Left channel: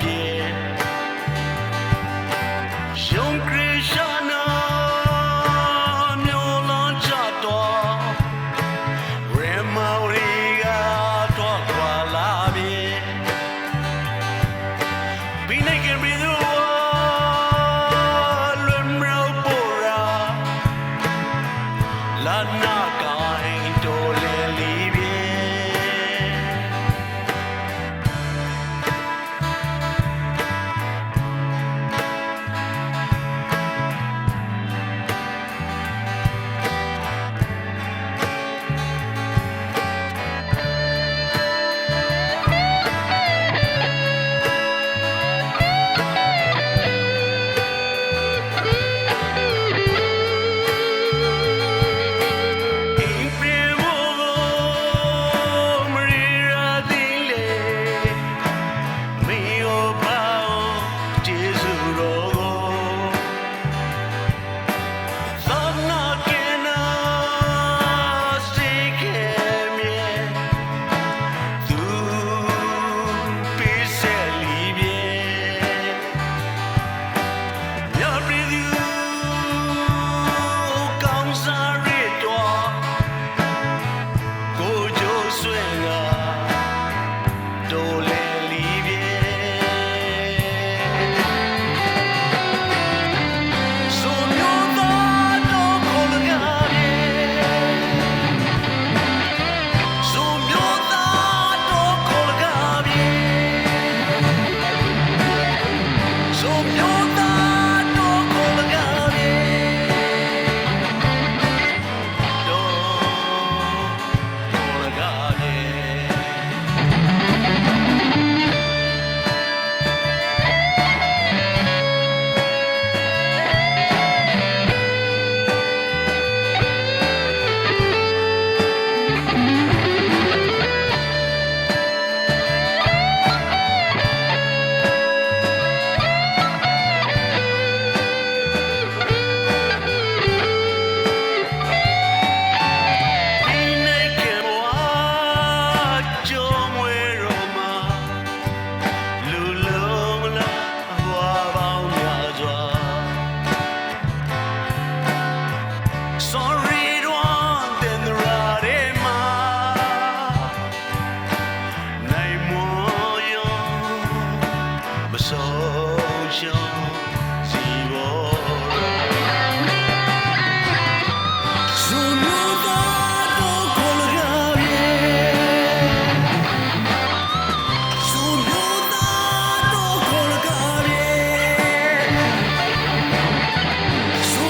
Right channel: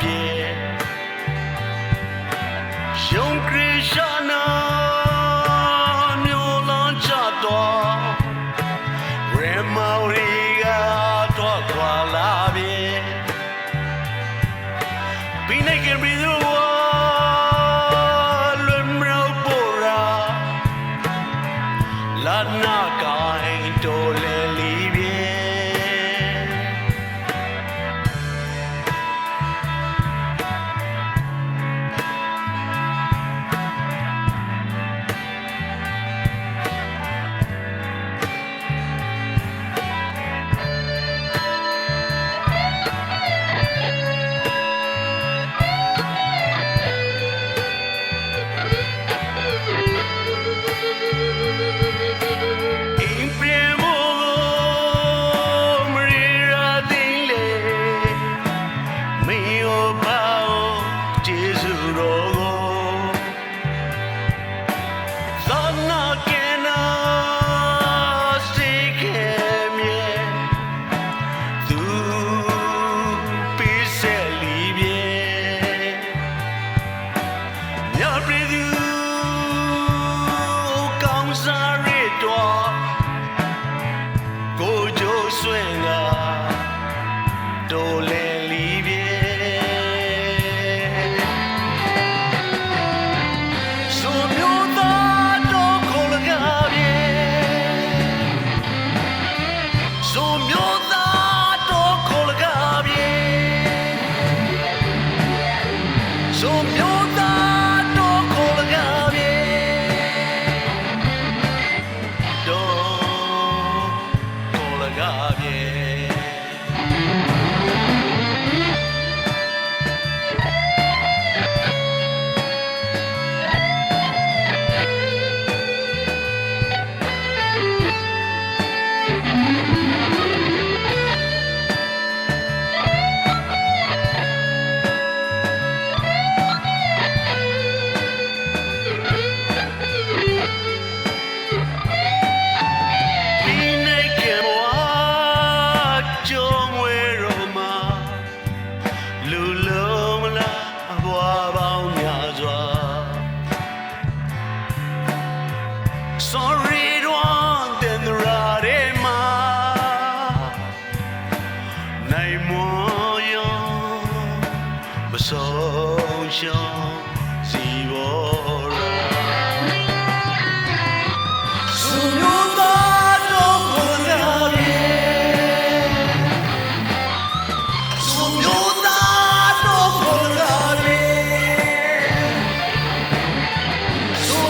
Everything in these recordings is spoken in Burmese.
ပြေယုံခရစ်ယာန်မျိုးလန်းချတော့ရမော်ရီကတော့ခွာလာပြေပြီးနေကြပြီသူလွန်မြောက်ပေါ်ရာလာနာကိုင်းတိုလဲလီပြေတိုလဲလီပြေဆိုမျိုးသားတော့ခေါ်လကားပြေဆိုမျိုးသားတော့ခေါ်လကားပြေဆိုမျိုးသားတော့ခေါ်လကားပြေတော့ခေါ်လကားပြေSorry, don't then the radema. Nay more young, but so young, zebra. So no matter what so no matter what so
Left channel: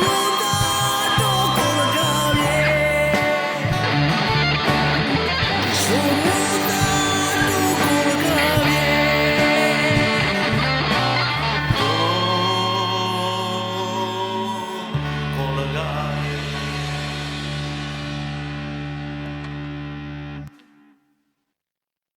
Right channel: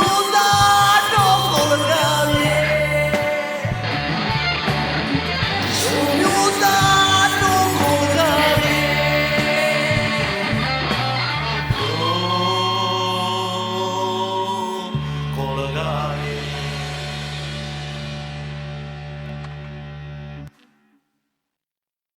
no. So